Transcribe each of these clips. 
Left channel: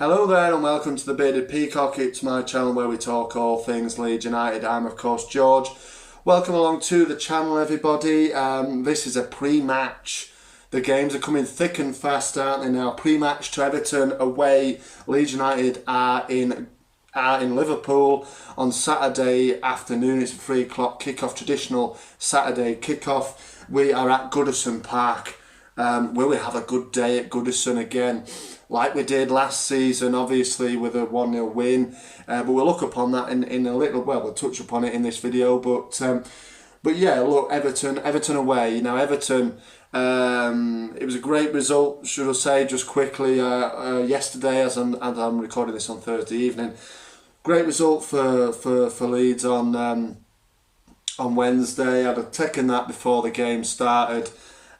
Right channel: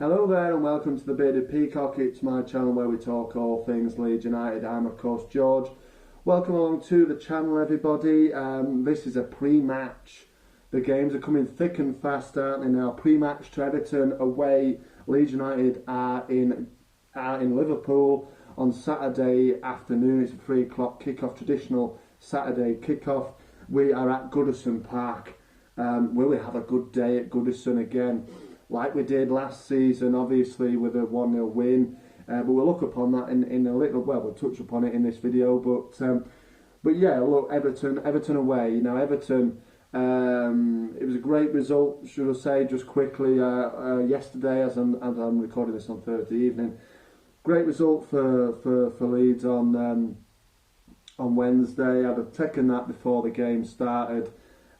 Hello there and welcome to the Bearded Peacock. It's my channel where we talk all things Leeds United. I'm of course George. Welcome along to the channel everybody. This is a pre-match. The games are coming thick and fast, aren't they now? Pre-match to Everton away. Leeds United are in Liverpool on Saturday afternoon. It's a 3 o'clock kickoff, traditional Saturday kickoff. We are at Goodison Park. Will we have a good day at Goodison again? Like we did last season, obviously with a 1-0 win. But we'll look upon that in a little, well, we'll touch upon it in this video. But yeah, look, Everton away. Now, Everton, it was a great result, should I say, just quickly, yesterday, as I'm recording this on Thursday evening. Great result for Leeds on Wednesday. I'd have taken that before the game started.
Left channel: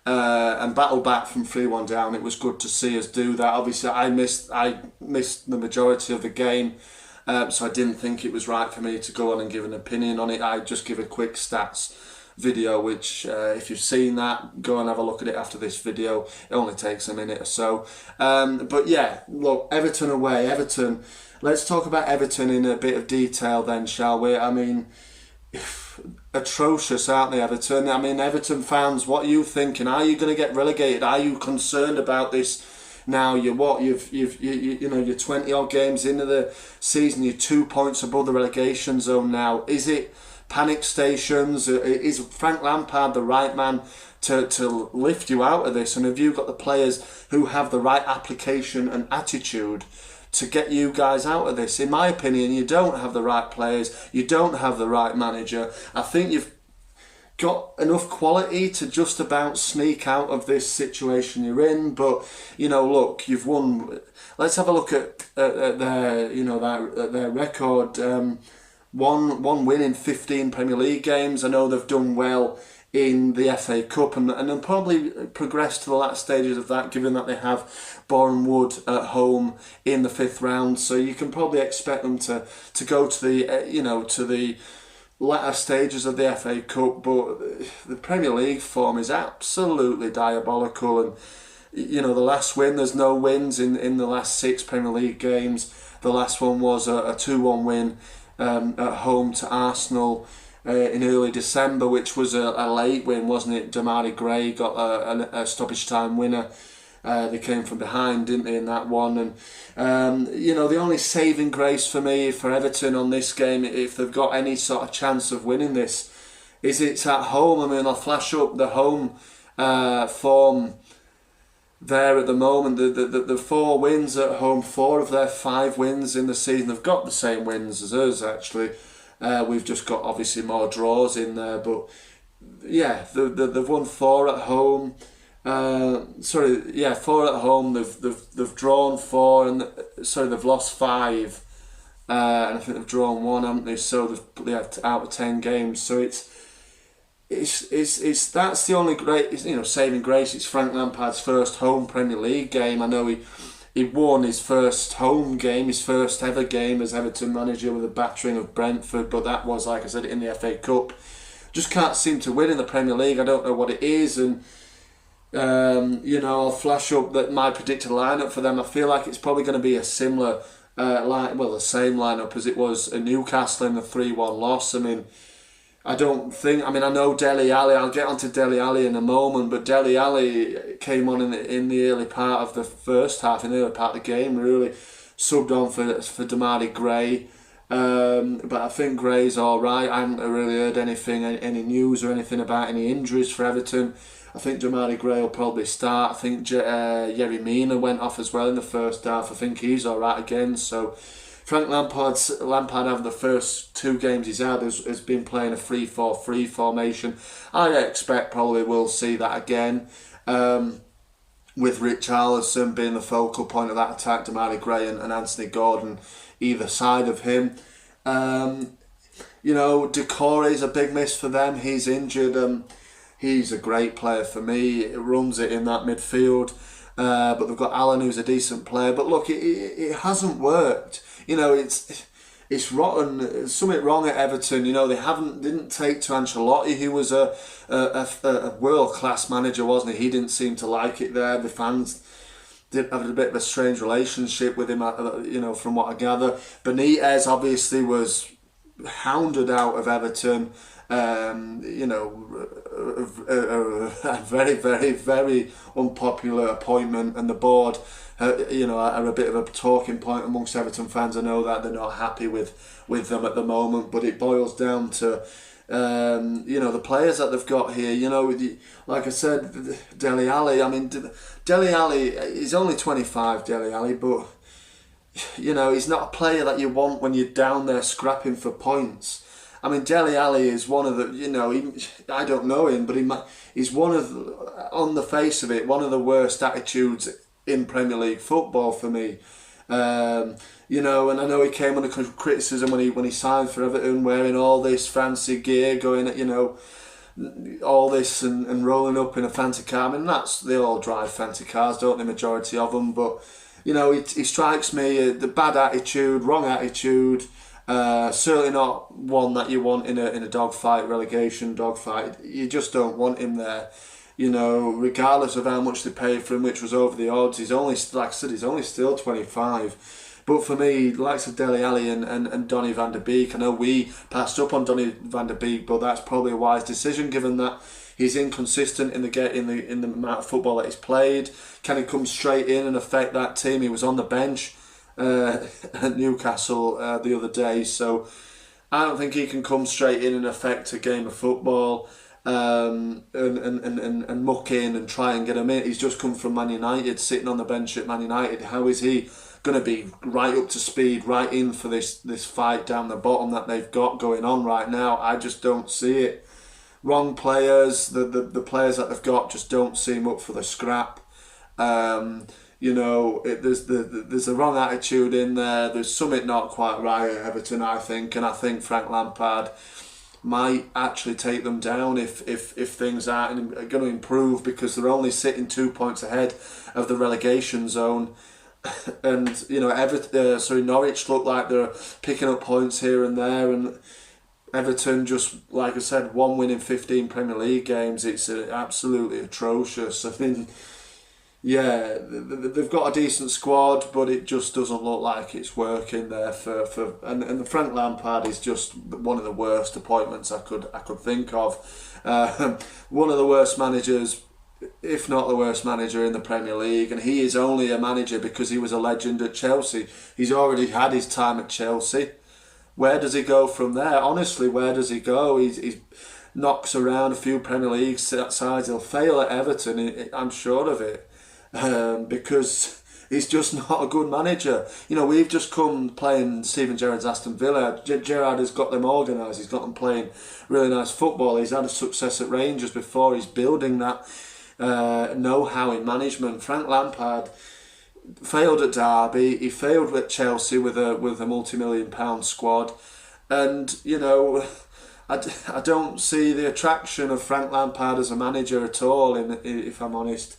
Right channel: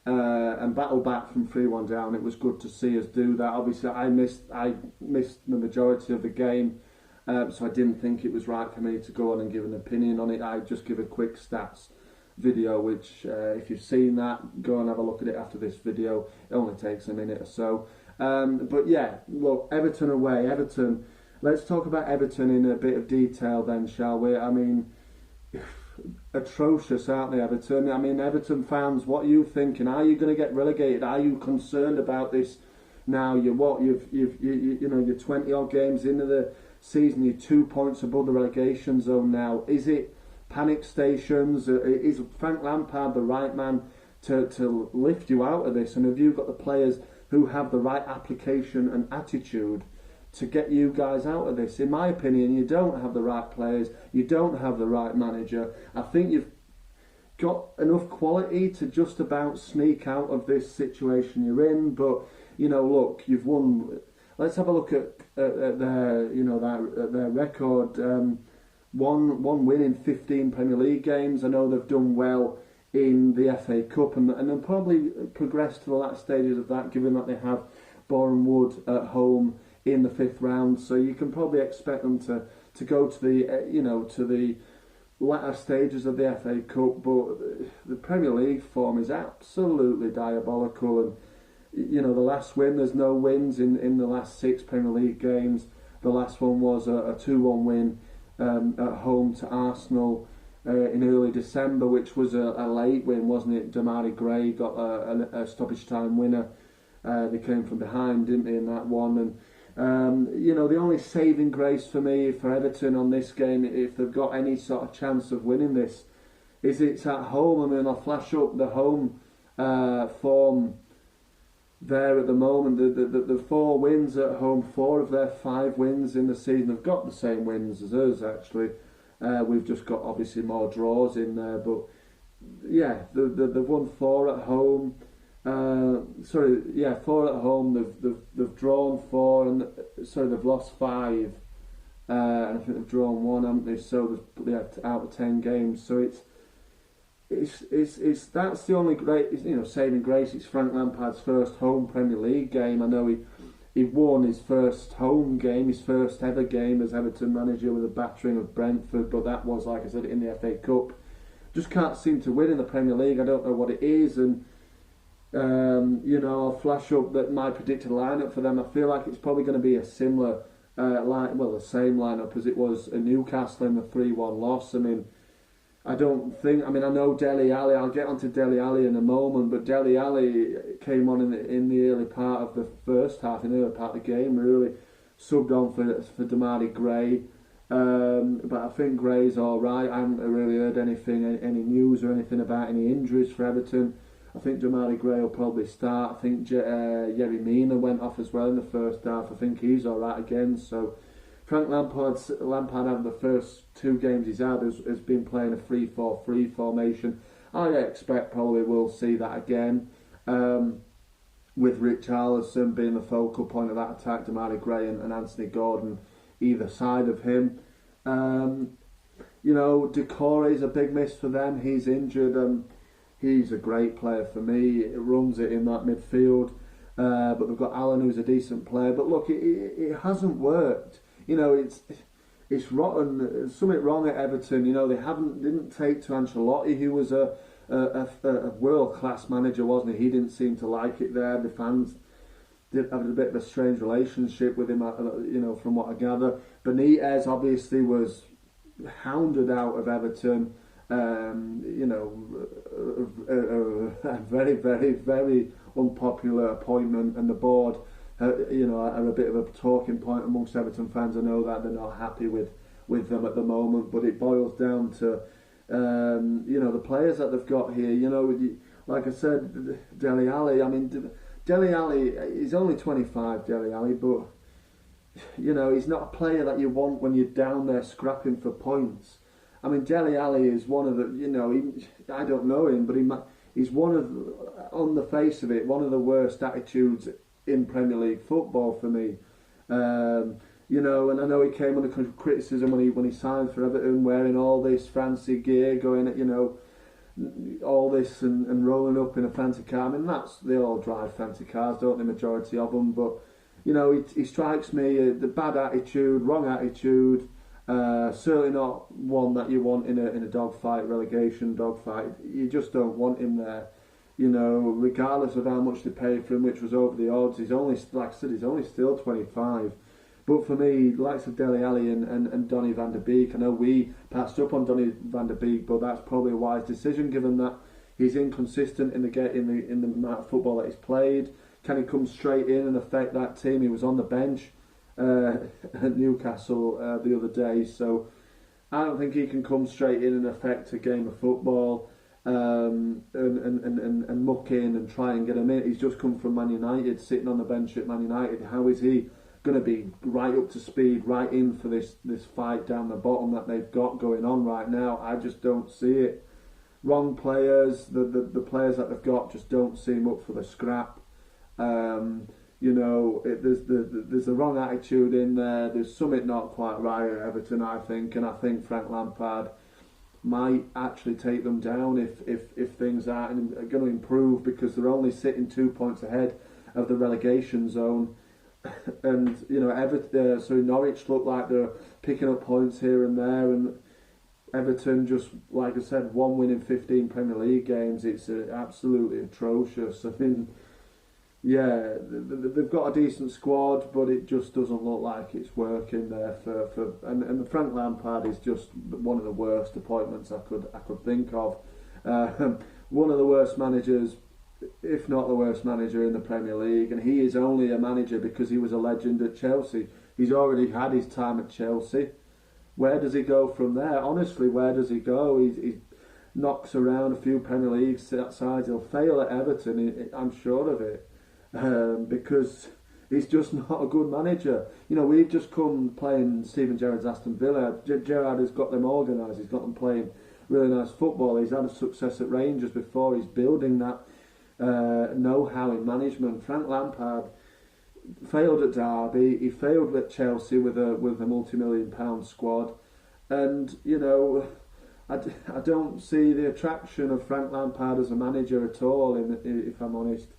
And battle back from 3-1 down. It was good to see us do that. Obviously, I missed the majority of the game, so I didn't think it was right for me to go on and give an opinion on it. I just give a quick stats video, which if you've seen that, go and have a look at it after this video. It only takes a minute or so. But yeah, look, Everton away. Everton. Let's talk about Everton in a bit of detail then, shall we? I mean, atrocious, aren't they, Everton? I mean, Everton fans, what are you thinking? Are you going to get relegated? Are you concerned about this now? You're 20 odd games into the season. You're 2 points above the relegation zone now. Is it panic stations? Is Frank Lampard the right man to lift you out of this? And have you got the players who have the right application and attitude to get you guys out of this? In my opinion, you don't have the right players, you don't have the right manager. I think you've got enough quality to just about sneak out of this situation you're in, but look, you've won. Let's have a look at their their record. One win in 15 Premier League games. I know they've done well in the FA Cup and they'll probably progress to the latter stages of that, given that they have Boreham Wood at home in the 5th round. So you can probably expect them to go to the to the latter stages of the FA Cup. But the Premier League form is absolutely diabolical, and the last win, there's no wins in the last 6 Premier League games. The last one was a 2-1 win at home to Arsenal in early December, which was a late win, wasn't it? Demarai Gray got a stoppage time winner. They came from behind, didn't they, in that one? And the only saving grace for me for Everton on this game, if they've got any sort of chance of winning this, is it's at home. I mean, I'll flash up the home form there at the moment. The 4 wins at home, 4 of their 5 wins in the season. They've got the same wins as us, actually. We've just got obviously more draws in there, but yeah, they've won 4 at home. 4 at home. They've drawn 4, and they've lost 5, and I think they've drawn 1, haven't they? So they've out of 10 games. So it's that's the only great saving grace. It's Frank Lampard's first home Premier League game. I know he won his first home game, his first ever game as Everton manager with a battering of Brentford, but that was, like I said, in the FA Cup. Just can't seem to win in the Premier League. I don't know what it is, and I'll flash up that my predicted lineup for them. I feel like it's probably going to be a similar the same lineup as it was at Newcastle in the 3-1 loss. I know Dele Alli. I'll get onto Dele Alli in a moment, but Dele Alli came on in the early part of the first half, in the early part of the game, really subbed on for Demarai Gray. But I think Gray's all right. I haven't really heard any news or anything about any injuries for Everton. I think Demarai Gray will probably start. I think Yerry Mina went off as well in the first half. I think he's all right again. So Frank Lampard, having the first 2 games he's had, has been playing a 3-4-3 formation. I expect probably we'll see that again, with Richarlison being the focal point of that attack, Demarai Gray and Anthony Gordon either side of him. Decore is a big miss for them. He's injured. He's a great player for me. It runs it in that midfield. But they've got Allen, who's a decent player. But look, it hasn't worked. It's rotten. There's something wrong at Everton. They didn't take to Ancelotti, who was a world class manager, wasn't he? He didn't seem to like it there. The fans did have a bit of a strange relationship with him, from what I gather. Benitez obviously was hounded out of Everton. A very, very, very unpopular appointment, and the board, are a bit of a talking point amongst Everton fans. I know that they're not happy with them at the moment, but it boils down to the players that they've got here. Like I said, Dele Alli. I mean, Dele Alli, he's only 25, Dele Alli, but he's not a player that you want when you're down there scrapping for points. I mean, Dele Alli is one of the, I don't know him, but he's one of, on the face of it, one of the worst attitudes in Premier League football for me. And I know he came under criticism when he signed for Everton, wearing all this fancy gear, going at, all this and rolling up in a fancy car. I mean, they all drive fancy cars, don't they, majority of them, but, he strikes me, the bad attitude, wrong attitude. Certainly not one that you want in a dogfight, relegation dogfight. You just don't want him there. Regardless of how much they paid for him, which was over the odds. He's only, like I said, he's only still 25. But for me, likes of Dele Alli and Donny van der Beek, I know we passed up on Donny van der Beek, but that's probably a wise decision given that he's inconsistent in the amount of football that he's played. Can he come straight in and affect that team? He was on the bench at Newcastle the other day, so I don't think he can come straight in and affect a game of football and muck in and try and get him in. He's just come from Man United, sitting on the bench at Man United. How is he going to be right up to speed, right in for this fight down the bottom that they've got going on right now? I just don't see it. Wrong players, the players that they've got just don't seem up for the scrap. There's the wrong attitude in there. There's something not quite right at Everton, I think, and I think Frank Lampard might actually take them down if things aren't going to improve, because they're only sitting 2 points ahead of the relegation zone. And Norwich look like they're picking up points here and there, and Everton, just like I said, one win in 15 Premier League games. It's absolutely atrocious. I mean, yeah, they've got a decent squad, but it just doesn't look like it's working there and Frank Lampard is just one of the worst appointments I could think of. One of the worst managers, if not the worst manager in the Premier League, and he is only a manager because he was a legend at Chelsea. He's already had his time at Chelsea. Where does he go from there? Honestly, where does he go? He knocks around a few Premier League sides. He'll fail at Everton, I'm sure of it. Because he's just not a good manager. We've just come playing Steven Gerrard's Aston Villa. Gerrard has got them organised. He's got them playing really nice football. He's had a success at Rangers before. He's building that know-how in management. Frank Lampard failed at Derby. He failed at Chelsea with a multi-million-pound squad, and I don't see the attraction of Frank Lampard as a manager at all. If I'm honest.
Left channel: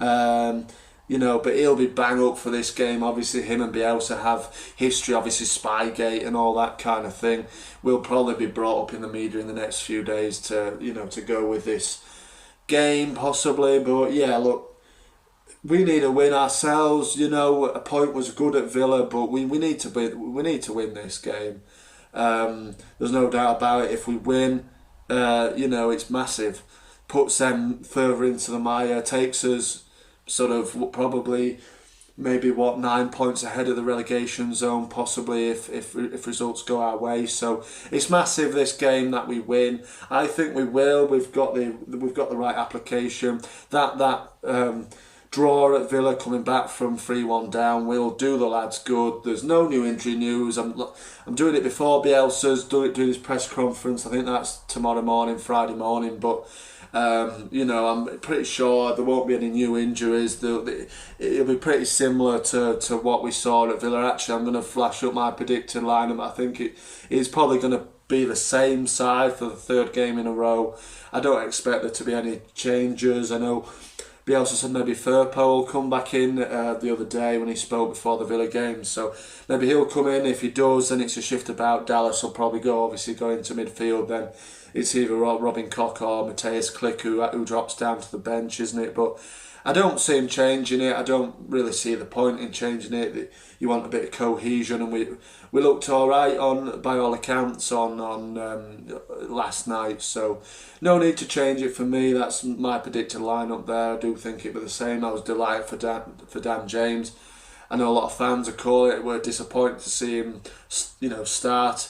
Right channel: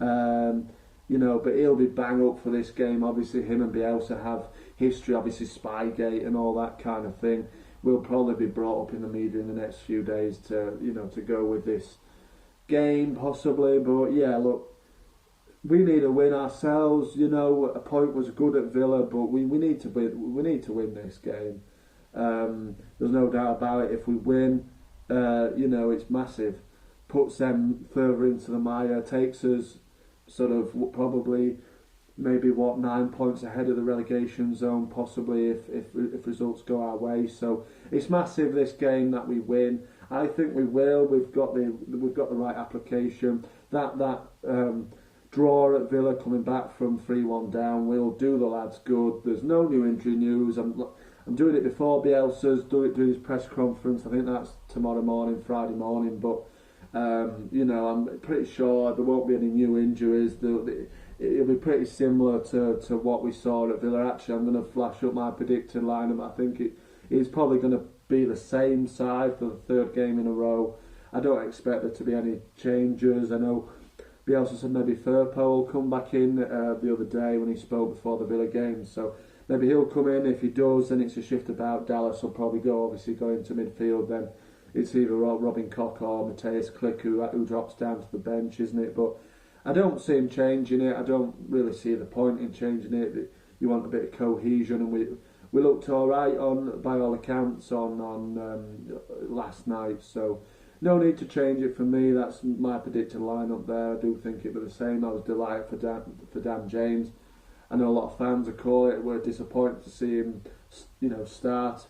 But he'll be bang up for this game. Obviously, him and Bielsa have history, obviously Spygate and all that kind of thing. Will probably be brought up in the media in the next few days to go with this game possibly. But yeah, look, we need a win ourselves. A point was good at Villa, but we need to win this game. There's no doubt about it. If we win, it's massive. Puts them further into the mire, takes us sort of probably maybe 9 points ahead of the relegation zone, possibly if results go our way. So it's massive, this game, that we win. I think we will. We've got the right application. That draw at Villa, coming back from 3-1 down, will do the lads good. There's no new injury news. I'm doing it before Bielsa's doing his press conference. I think that's tomorrow morning, Friday morning, but. I'm pretty sure there won't be any new injuries. It'll be pretty similar to what we saw at Villa. Actually, I'm going to flash up my predicted lineup. I think it is probably going to be the same side for the third game in a row. I don't expect there to be any changes. I know Bielsa said maybe Firpo will come back in the other day when he spoke before the Villa game. So maybe he'll come in. If he does, then it's a shift about. Dallas will probably go into midfield then. It's either Robin Koch or Matthias Klick who drops down to the bench, isn't it? But I don't see him changing it. I don't really see the point in changing it. You want a bit of cohesion, and we looked all right on by all accounts on last night. So no need to change it for me. That's my predicted lineup there. I do think it was the same. I was delighted for Dan James. I know a lot of fans are calling it. We're disappointed to see him, start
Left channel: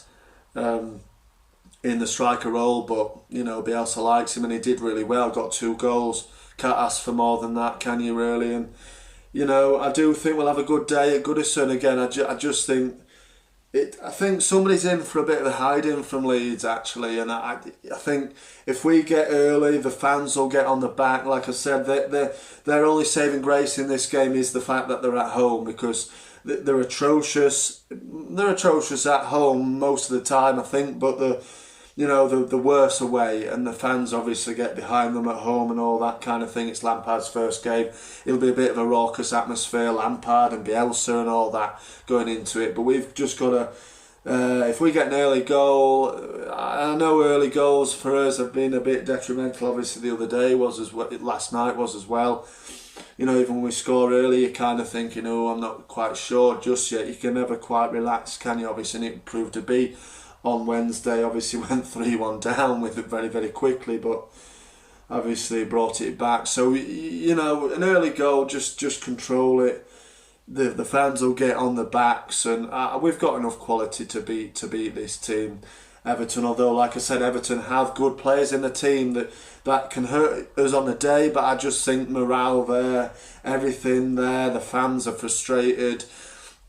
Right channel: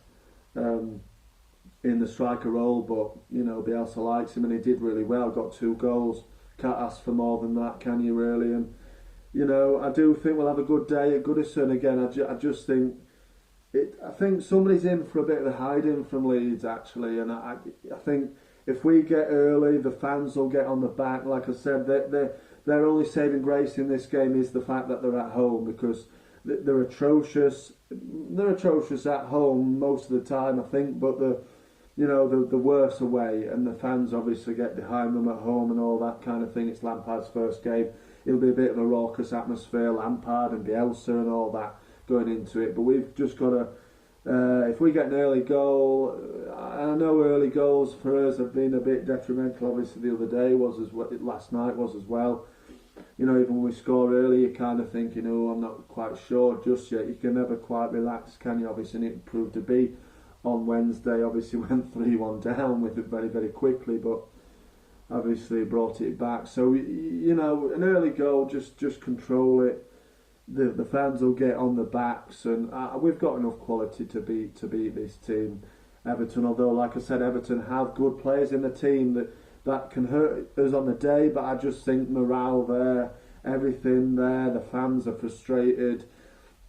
in the striker role, but Bielsa likes him and he did really well. Got 2 goals. Can't ask for more than that, can you really? And I do think we'll have a good day at Goodison again. I just think I think somebody's in for a bit of a hiding from Leeds actually, and I think if we get early, the fans will get on the back. Like I said, their only saving grace in this game is the fact that they're at home, because they're atrocious. They're atrocious at home most of the time, I think, but the worse away, and the fans obviously get behind them at home and all that kind of thing. It's Lampard's first game. It'll be a bit of a raucous atmosphere, Lampard and Bielsa and all that going into it. But we've just got to, if we get an early goal, I know early goals for us have been a bit detrimental. Obviously the other day was as well, last night was as well. Even when we score early, you're kind of thinking, oh, I'm not quite sure just yet. You can never quite relax, can you? Obviously, and it proved to be on Wednesday. Obviously went 3-1 down with it very, very quickly, but obviously brought it back. So, an early goal, just control it. The fans will get on the backs, and we've got enough quality to beat this team, Everton. Although, like I said, Everton have good players in the team that can hurt us on the day, but I just think morale there, everything there, the fans are frustrated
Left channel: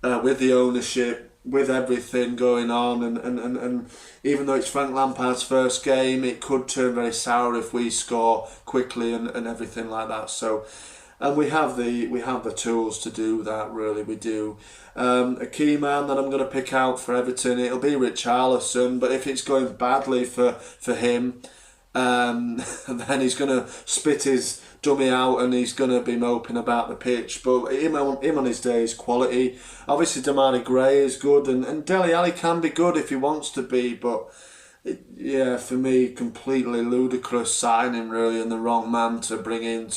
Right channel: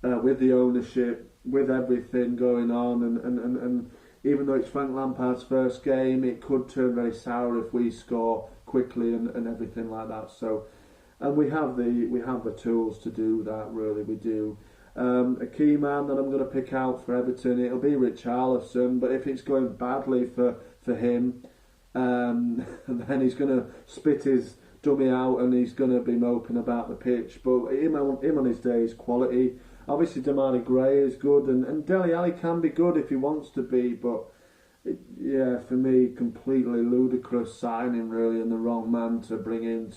with the ownership, with everything going on, and even though it's Frank Lampard's first game, it could turn very sour if we score quickly and everything like that. So, and we have the tools to do that. Really, we do. A key man that I'm going to pick out for Everton, it'll be Richarlison. But if it's going badly for him, then he's going to spit his dummy out and he's going to be moping about the pitch. But him on his day is quality. Obviously, Damari Gray is good, and Dele Alli can be good if he wants to be. But for me, completely ludicrous signing, really, and the wrong man to bring in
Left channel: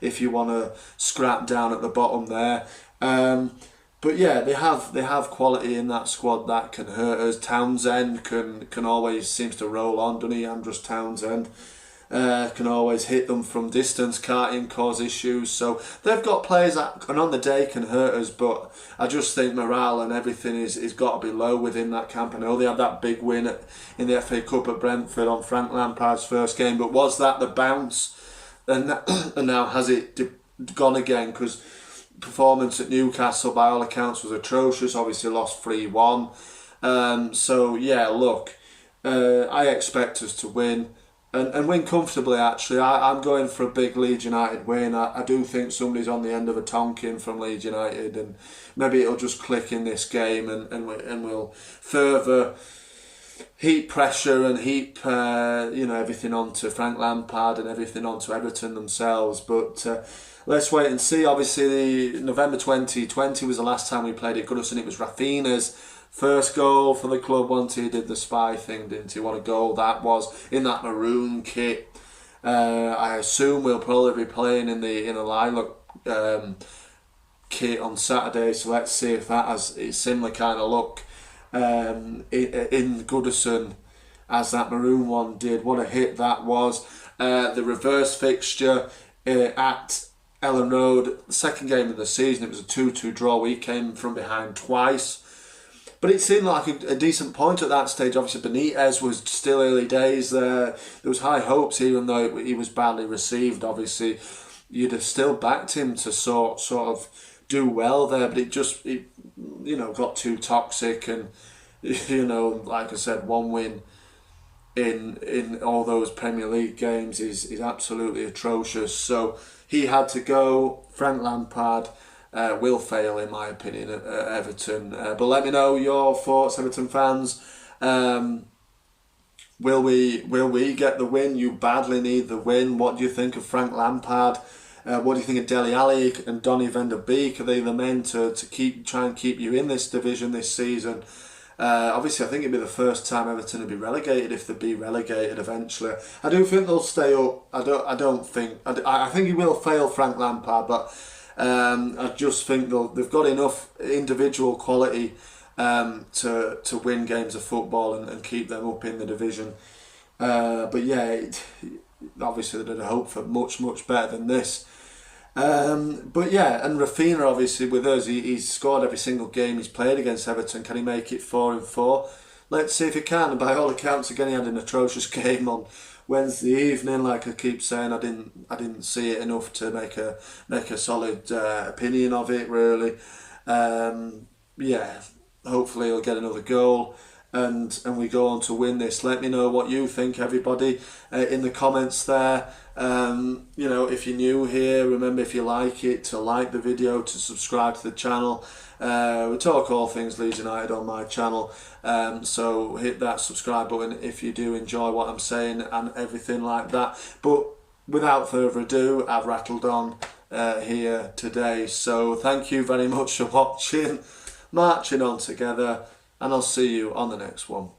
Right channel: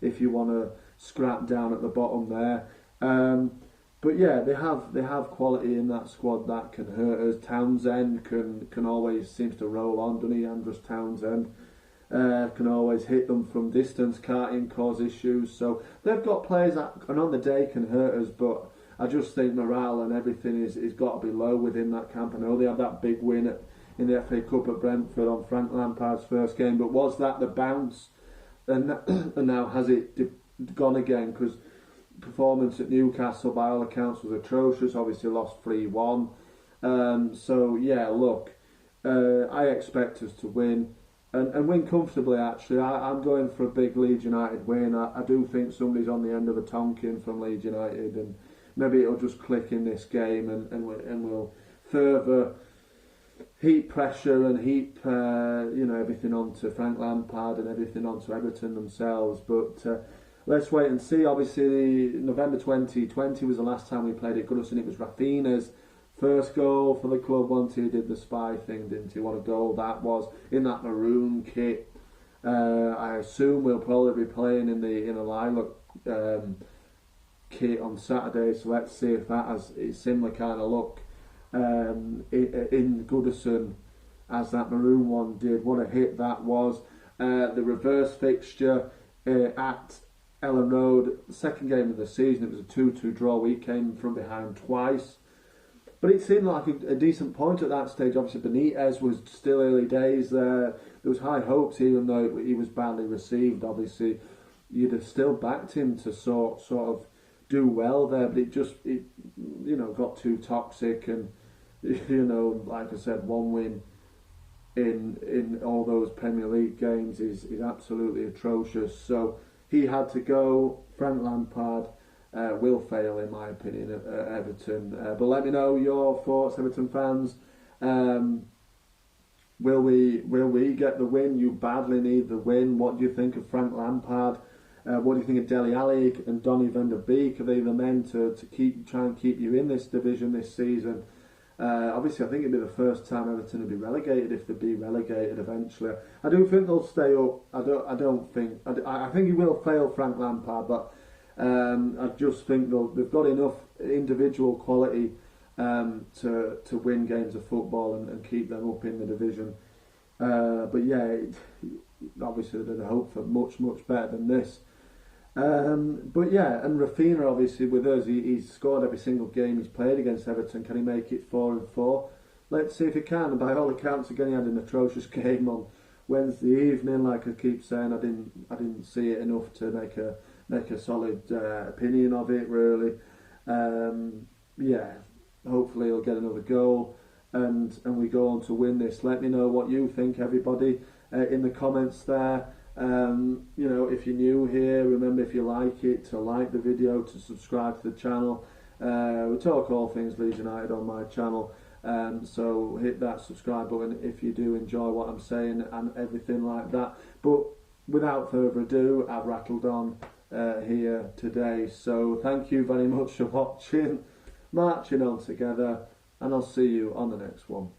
if you want to scrap down at the bottom there. But yeah, they have quality in that squad that can hurt us. Townsend can always seems to roll on, doesn't he? Andros Townsend can always hit them from distance, can't cause issues. So they've got players that on the day can hurt us, but I just think morale and everything is got to be low within that camp. I know they had that big win in the FA Cup at Brentford on Frank Lampard's first game, but was that the bounce? And now has it gone again? Because performance at Newcastle by all accounts was atrocious. Obviously lost 3-1. So yeah, look, I expect us to win and win comfortably. Actually, I'm going for a big Leeds United win. I do think somebody's on the end of a Tonkin from Leeds United, and maybe it'll just click in this game, and we'll further heap pressure and heap everything onto Frank Lampard and everything onto Everton themselves. But let's wait and see. Obviously, November 2020 was the last time we played at Goodison. It was Rafinha's first goal for the club once he did the spy thing, didn't he? What a goal that was in that maroon kit. I assume we'll probably be playing in the lilac kit on Saturday. So let's see if that has a similar kind of look in Goodison as that maroon one did. What a hit that was. The reverse fixture at Ellen Road, second game of the season, it was a 2-2 draw. We came from behind twice, but it seemed like a decent point at that stage. Obviously Benitez was still early days there. There was high hopes, even though he was badly received. Obviously you'd have still backed him to sort of do well there, but it got too toxic, and like I said, one win in all those Premier League games is absolutely atrocious. So he had to go. Frank Lampard will fail, in my opinion, at Everton. But let me know your thoughts, Everton fans. Will we get the win? You badly need the win. What do you think of Frank Lampard? What do you think of Dele Alli and Donny van der Beek? Are they the men to try and keep you in this division this season? Obviously, I think it'd be the first time Everton would be relegated if they'd be relegated eventually. I do think they'll stay up. I don't think. I think he will fail, Frank Lampard, but I just think they've got enough individual quality to win games of football and keep them up in the division. But yeah, obviously they'd hope for much better than this. But yeah, and Rafinha obviously with us, he's scored every single game he's played against Everton. Can he make it 4-4? Let's see if he can. And by all accounts, again, he had an atrocious game on Wednesday evening. Like I keep saying, I didn't see it enough to make a solid opinion of it really. Yeah, hopefully he'll get another goal. And we go on to win this. Let me know what you think, everybody, in the comments there. If you're new here, remember, if you like it, to like the video, to subscribe to the channel. We talk all things Leeds United on my channel, so hit that subscribe button if you do enjoy what I'm saying and everything like that. But without further ado, I've rattled on here today, so thank you very much for watching, marching on together, and I'll see you on the next one.